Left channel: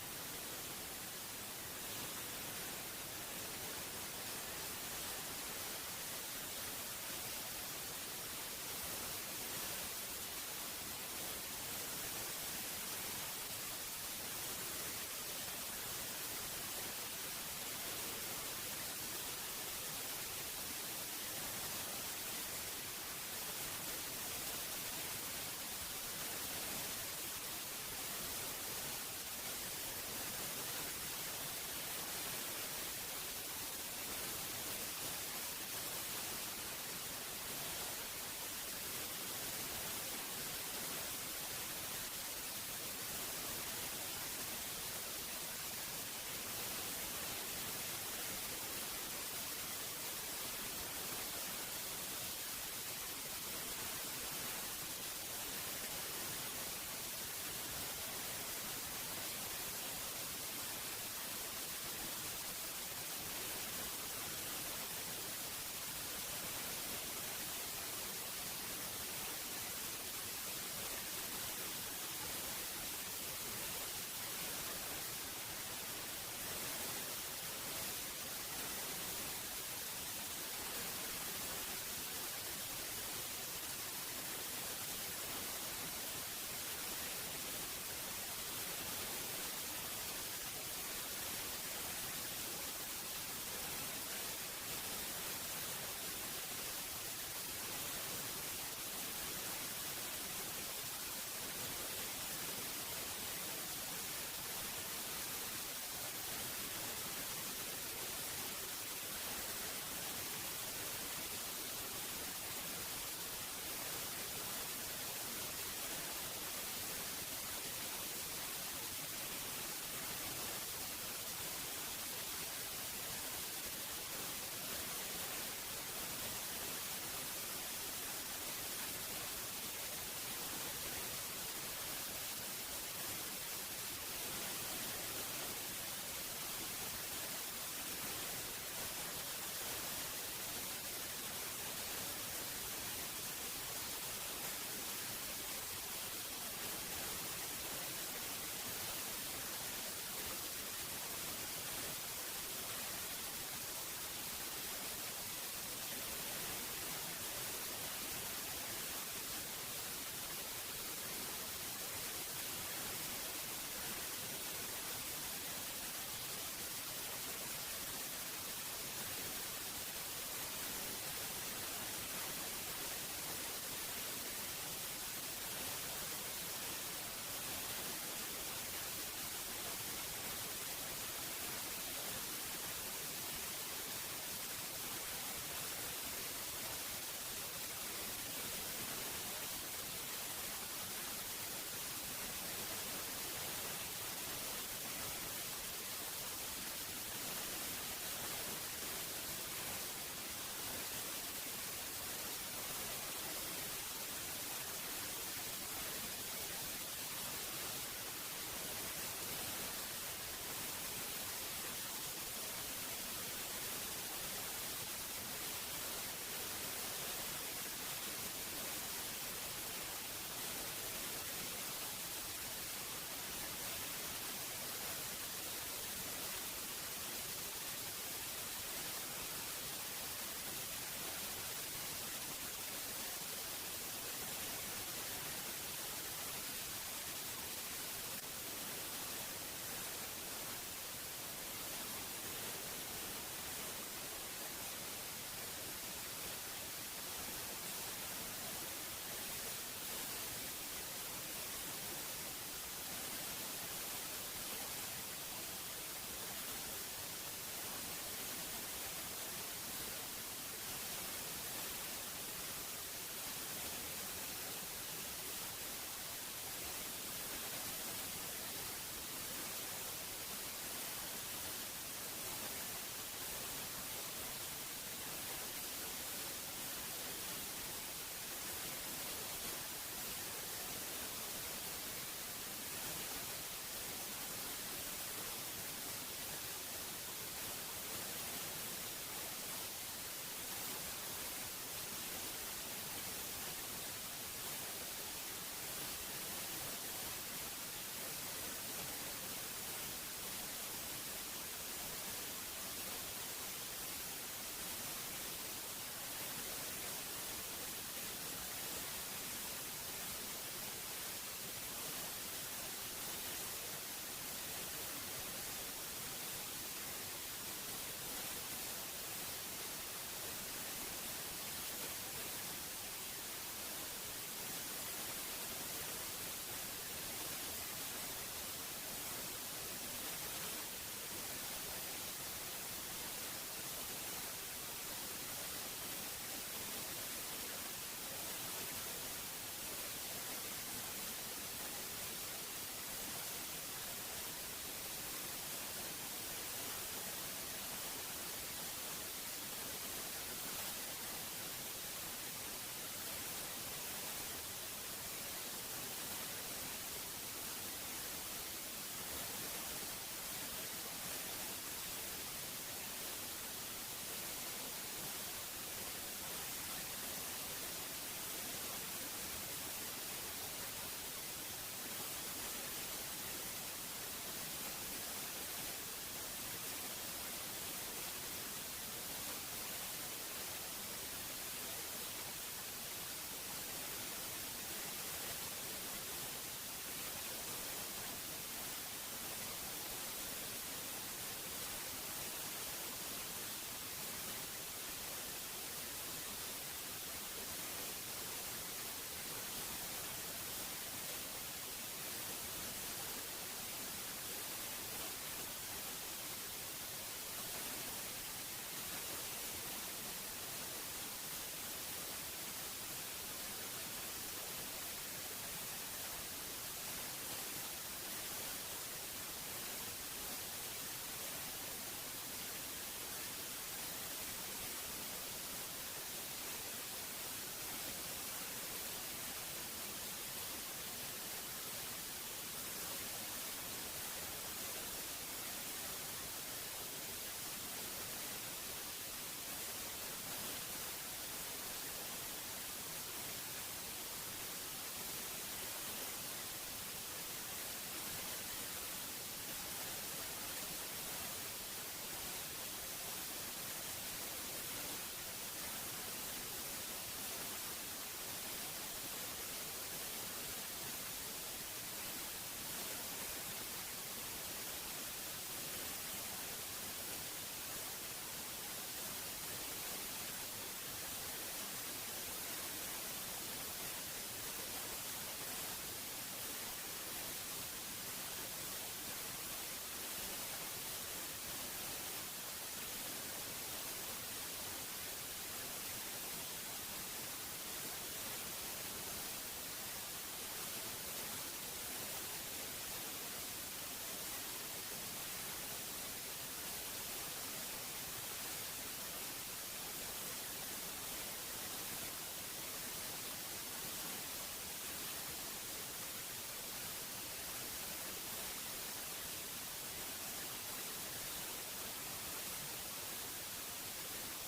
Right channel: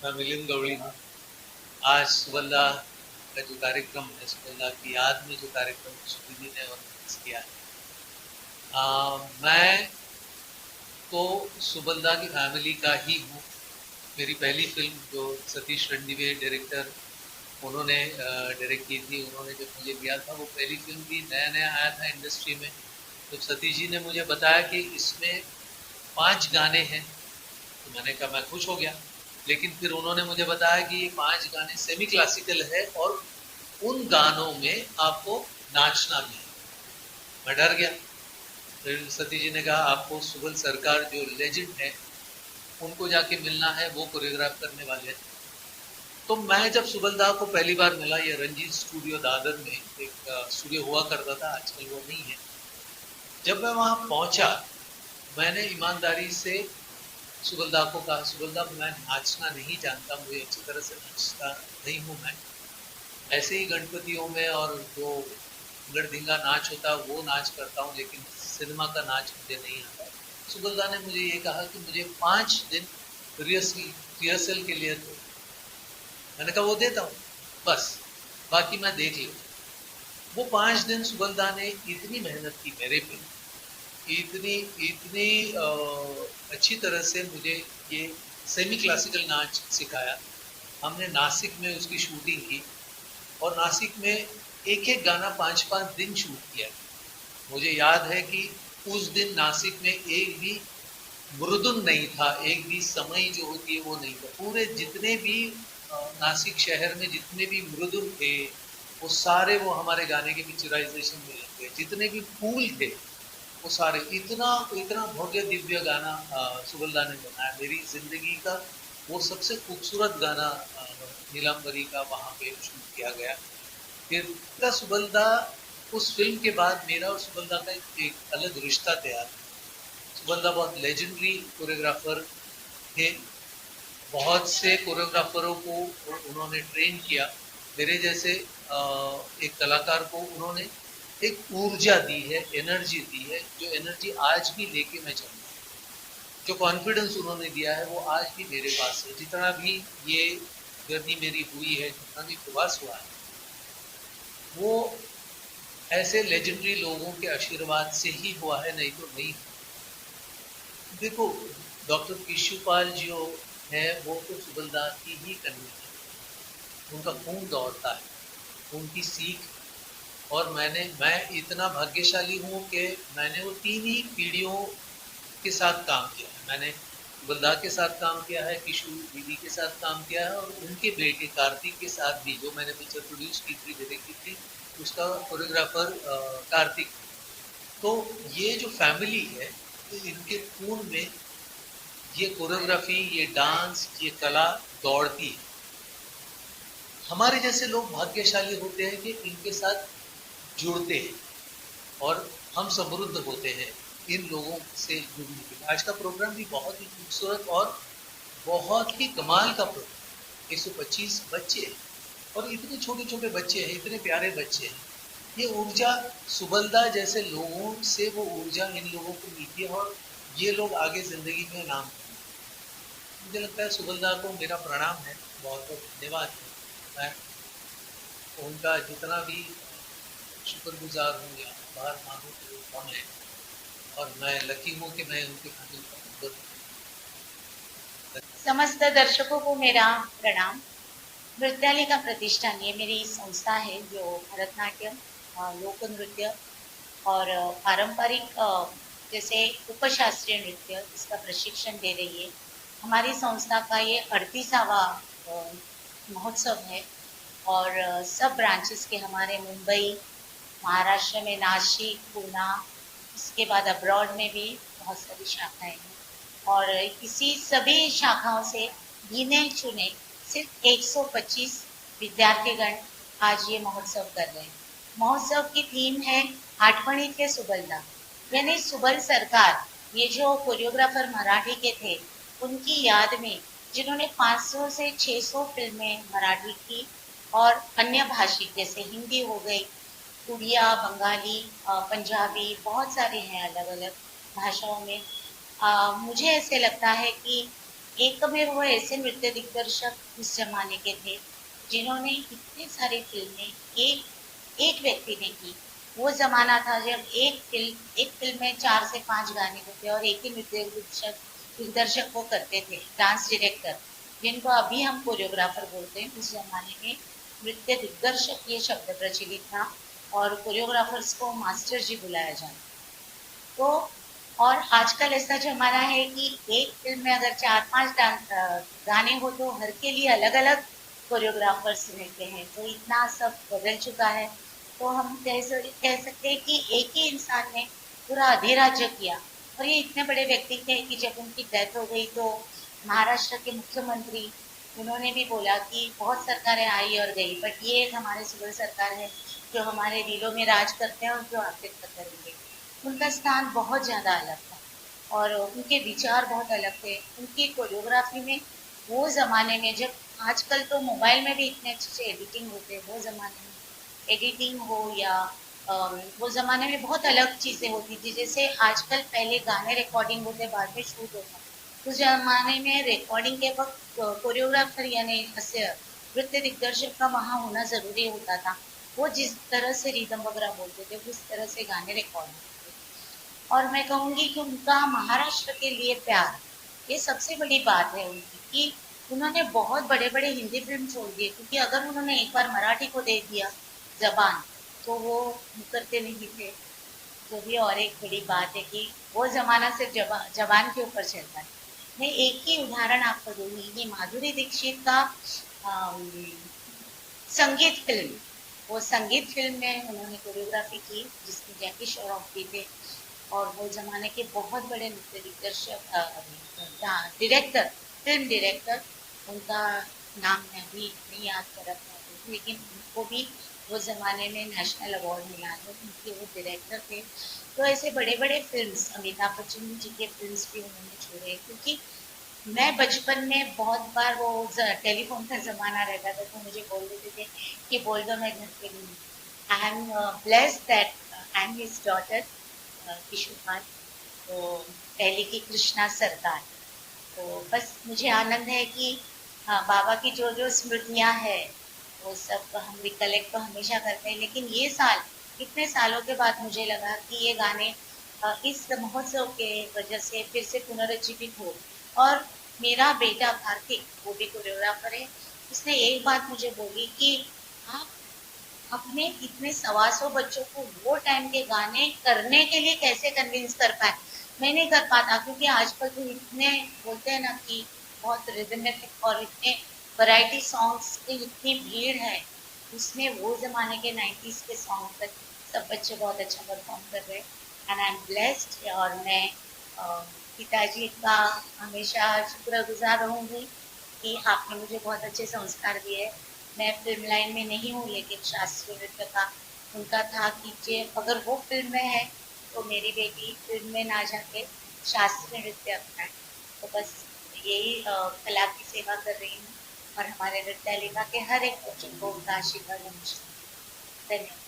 मैं मिलिंद गौड़ी हूँ। आज सुबल्ला का जो कार्यक्रम है, सुबल्ला की याद में जो कार्यक्रम श्रुति जी ने ऑर्गेनाइज किया है, मैं तो सुबल्ला की फैमिली का ही हूँ। मेरी पहली फिल्म जो सतीश रणदिवे डायरेक्टर, उन्होंने डायरेक्ट की थी, उन्होंने जब मुझे दिया था, वो पहली फिल्म भी नया नया आया था इंडस्ट्री में। जब सतीश जी ने मुझे बताया कि इसमें 5 गाने हैं, तो मैंने कहा, मैं खुश हो गया। लेकिन फिर उन्होंने मुझे बताया कि ये 5 गाने सेमी क्लासिकल है और उन गानों में आपको नाचना भी है। मैं डर गया। फिर सतीश जी ने कहा, आपको सुबल सरकार जो लेजेंड है, उनको जाके मिलना है, वो कोरियोग्राफ करने वाले हैं। तो मैं जब सुबलदा को पहली बार मिला, ये रंजीत स्टूडियो दादर में एक स्टूडियो हुआ करता था, आजकल वो नहीं है। जब मैं वहां पहुंचा, मैंने ईमानदारी से सुबलदा को कहा, सुबलदा, मैं नाचना नहीं जानता, मुझे अच्छी तरह से नाचता नहीं हूँ मैं। ऐसे ही गणपतियों में और जो गढ़धिंगा नाच होता है वो नाच करता हूँ, लेकिन सिनेमा का नाच मुझे नहीं आता। सुबलदा ने मुझे ये कहा कि मुझे 5 दिन रिहर्सल रिहर्सल के लिए दो। मैंने कहा, वो देता हूँ, बस बाकी मैं देख लूँ। वो 5 दिन सुबलदा ने इतनी मेहनत की मेरे पे, इतनी इतनी अच्छी तरह से मुझे ये सेमी क्लासिकल नाच सिखाया। हमने नासिक में उसकी शूटिंग की, और नासिक में एक एक गाना 5-5 दिन शूट किया। मुझे याद है कि उस दिन नासिक में एक भी मृदुन नहीं था, एक भी समय जो होती है वो नहीं था। पूरे जितने भी नासिक शहर में जितने भी मृदुन थे, वो सारे वो हमारे गाने के पिक्चराइजेशन में लग गए। जितने भी फूल थे, वो सारे, इतना इतना भव्य दिव्य गाना सुगलदा ने बनाया। मेरी जिंदगी का वो सबसे खूबसूरत गाना नीलांबरी का वहाँ पे शूट किया गया। फिर सुगलदा, उस फिल्म के बाद मेरा और सुगलदा का एक अलग रिश्ता तैयार हुआ। सुगलदा बहुत लेजेंडरी कोरियोग्राफर थे। बहुत से कोरियोग्राफरों को उन्होंने ट्रेन किया। मेरे जैसे एक कलाकार को उन्होंने एक ऊर्जा दी है, एनर्जी दी है, जो एनर्जी आज भी लेके मैं चलूँ। जो कॉन्फिडेंस उन्होंने दिया है, वो आज भी मेरे पास है। जितना भी ये जर्नी मेरी हुई है, जितना भी प्रवास हुआ है, वो ऐसे लेजेंडरी लोगों के आशीर्वाद से ही हुआ है, नहीं तो नहीं। देखो, डॉक्टर केशुपाल जो है, वो तो सुबलदा की ही कन्या है। उनका खून दौड़ता है, उनकी सीख। और मैं इतना भाग्यशाली हूँ कि मैंने वो 3 ही पीढ़ियों के साथ काम किया है। मैंने सुबलदा के साथ काम किया है, किशोर दीदी के साथ काम किया है, और उनके बेटे कार्तिक के साथ भी, जो मैंने पिक्चर प्रोड्यूस की थी, डायरेक्ट की थी, उसका कोरियोग्राफर कार्तिक। तो ये जो फैमिली है, तो इनके खून में ये कोरियोग्राफी, ये डांस, ये कला दौड़ती है। हमारे जैसे लोग भाग्यशाली होते हैं कि इनके साथ जुड़ते हैं, और हम समृद्ध होते हैं इन लोगों से जुड़ने के। आज का प्रोग्राम भी बहुत ही खूबसूरत और बहुत ही कमाल का प्रोग्राम। 125 बच्चे, और इतने छोटे छोटे बच्चे हैं, इतने प्यारे बच्चे हैं। ये ऊर्जा सुबलदा जैसे लोगों से, वो ऊर्जा इन लोगों को मिलती है, और ये लोग आगे जिंदगी में नाम। मुझे लगता है सुबलदा को मेरा प्रणाम है, बहुत बहुत धन्यवाद। मैं उनका जितना भी शुक्रगुजार हूँ या आभार मानूँ तो कम है, और मैं लकी हूँ कि मैं उनके फैमिली का मेंबर हूँ। समस्त दर्शकों को मेरा प्रणाम। नृत्यालिका प्रतिष्ठान ये मेरी संस्था है जो भरतनाट्यम, लोक नृत्य और पारंपरिक जैसे उपशास्त्रीय नृत्य इसका प्रशिक्षण दे रही है। हमारी संस्था का ये 38वां महोत्सव है, और सब ब्रांचेस के हमारे मुंबई, महाराष्ट्र में नासिक, पूना, इसके बाद अब्रॉड में भी बहुत सारी शाखाएं हैं। और इसी सभी शाखाओं से गिने चुने सिर्फ 125 विद्यार्थीगण आज ये महोत्सव कर रहे हैं। महोत्सव की थीम है आठवणीतले सुबलदा, यानी सुबल सरकार। ये जो कोरियोग्राफर मराठी के थे, उनकी याद में, जिन्होंने 500 से 600 फिल्में मराठी की, और अन्य भाषिक जैसे हिंदी हो गई, उड़िया, बंगाली, पंजाबी, बहुत सारे हैं अलग अलग भाषाओं में। मुझे ऐसे लगता है कि एकमेव वो ऐसे नृत्य दिग्दर्शक उस जमाने के थे जिन्होंने इतनी सारी फिल्में एक एक व्यक्ति ने की। वो जमाना था जब एक फिल्म में 4 से 5 गाने होते और एक ही नृत्य दिग्दर्शक वो करते थे, डांस डायरेक्टर, जिनको अभी हम कोरियोग्राफर बोलते हैं। उस जमाने में नृत्य दिग्दर्शक ये शब्द प्रचलित था और कोरियोग्राफर्स को मास्टर जी बुलाया जाता। तो और आजकल ऐसा जमाना है कि एक फिल्म में अगर 4-5 गाने हो तो हर के लिए अलग अलग कोरियोग्राफर्स रहते हैं, तो इतना सब बदल चुका है। तो हम कह सकते हैं कि एक ही इंसान ने पूरा अधिराज्य किया। और ये इतने बड़े व्यक्ति थे कि जब उनकी डेथ हो गई तो महाराष्ट्र के मुख्यमंत्री, उन्होंने भी बोला कि बहुत सरकारें आई और गई, बट ये एक हमारे सुबह सरकार है जो हमारे दिलों में राज करते हैं और जो आखिर तक करेंगे। उनका स्थान बहुत ज़्यादा अलग था और उनके विचार बहुत अलग थे। उनकी कोरियोग्राफी में वो ज़माने में, जब आजकल तो मोबाइल में भी इतने अच्छे से एडिटिंग होते हैं, वो ज़माने में एडिटिंग हो या वो ज़माने में बहुत अलग चीज़ें होती थी। जैसे आजकल पहले गाने रिकॉर्डिंग होते, बाद में शूट होता। उस ज़माने में रिकॉर्डिंग के वक्त कोरियोग्राफर यानी नृत्य दिग्दर्शक का वहाँ होना ज़रूरी होता था। वो जिस तरह से रिदम वगैरह बोलते थे उस तरह से गाने रिकॉर्ड होते थे। और मैं कहूँगी कि उनका महाराष्ट्र के लिए प्यार, ये सबसे बड़ी बात है उनकी, कि उन्होंने बहुत बड़े बड़े हिंदी फिल्म छोड़ दिए, क्योंकि अगर उन्होंने एक बार मराठी को दे दिया जबान तो वो मुकरते नहीं थे। जो भी और एक बड़ी बात है कि वो जमाना सिर्फ जबान के ऊपर चलता है। मैं एक ही उदाहरण आपको दूंगी कि माधुरी दीक्षित का संगीत फिल्म, वो संगीत फिल्म में उन्होंने कोरियोग्राफी की जिसमें जैकी श्रॉफ भी थे। और वो जमाने के बहुत बड़े नृत्य दिग्दर्शक, डायरेक्टर, फिल्म डायरेक्टर, उनका नाम मैं भी नहीं याद कर पा रही हूँ, लेकिन उनको भी वो जमाने में नेशनल अवार्ड मिला है क्योंकि वो डायरेक्टर थे। तो ऐसे बड़े बड़े फिल्म्स, अमिताभ बच्चन जी के फिल्म्स भी उन्होंने छोड़े, क्योंकि मैं बचपन में बहुत बार वो टेलीफोन का जमाना रहता था तो मुझे बोल देते थे कि बोल दो मैं घर पे नहीं हूँ। I am blessed that I am his daughter Kishore, तो पहले की कृष्णा सरकार। तो बस मुझे आनंद है कि हाँ, बाबा की जो जो स्मृतियाँ हैं वो सब हम रिकलेक्ट तो हमेशा करते हैं, लेकिन ये साल, इतने सालों के बाद मुझे लगा कि ये गाने इस महोत्सव के वजह से फिर से पुनर्जीवित हो। और मेरा बेटा कार्तिक, वो भी कोरियोग्राफर है, उसने एक बात मुझे बोली कि आप अपने इतने 125 बच्चों को वो टाइम के गाने करने के लिए कैसे कन्विंस कर पाए। मैं नहीं कर पाता, क्योंकि आजकल तो इतने बोलते हैं ना कि बहुत रिदमिक और इतने वैरायटी सॉन्ग्स की इतनी भीड़ है, उसमें वो जमाने के 90s के सॉन्ग तक सब बच्चे बहुत अच्छा परफॉर्म कर रहे हैं। एंड आई एम ब्लेस्ड, और मैं पिताजी का हमेशा शुक्रगुजार रहूंगी कि आपने मुझे बहुत अच्छे संस्कार दिए। मैं फिल्म लाइन में नहीं हूँ, लेकिन शास्त्रीय नृत्य का उनका था कि जे अगर वो फिल्म में है तो मेरी बेटी फिल्म में ना जाके शास्त्रीय नृत्य अपनाए। तो बस यही कला की सेवा कर रही हूँ और हमारे नृत्यालिका के हर एक बच्चों को उनका आशीर्वाद हमेशा। धन्यवाद।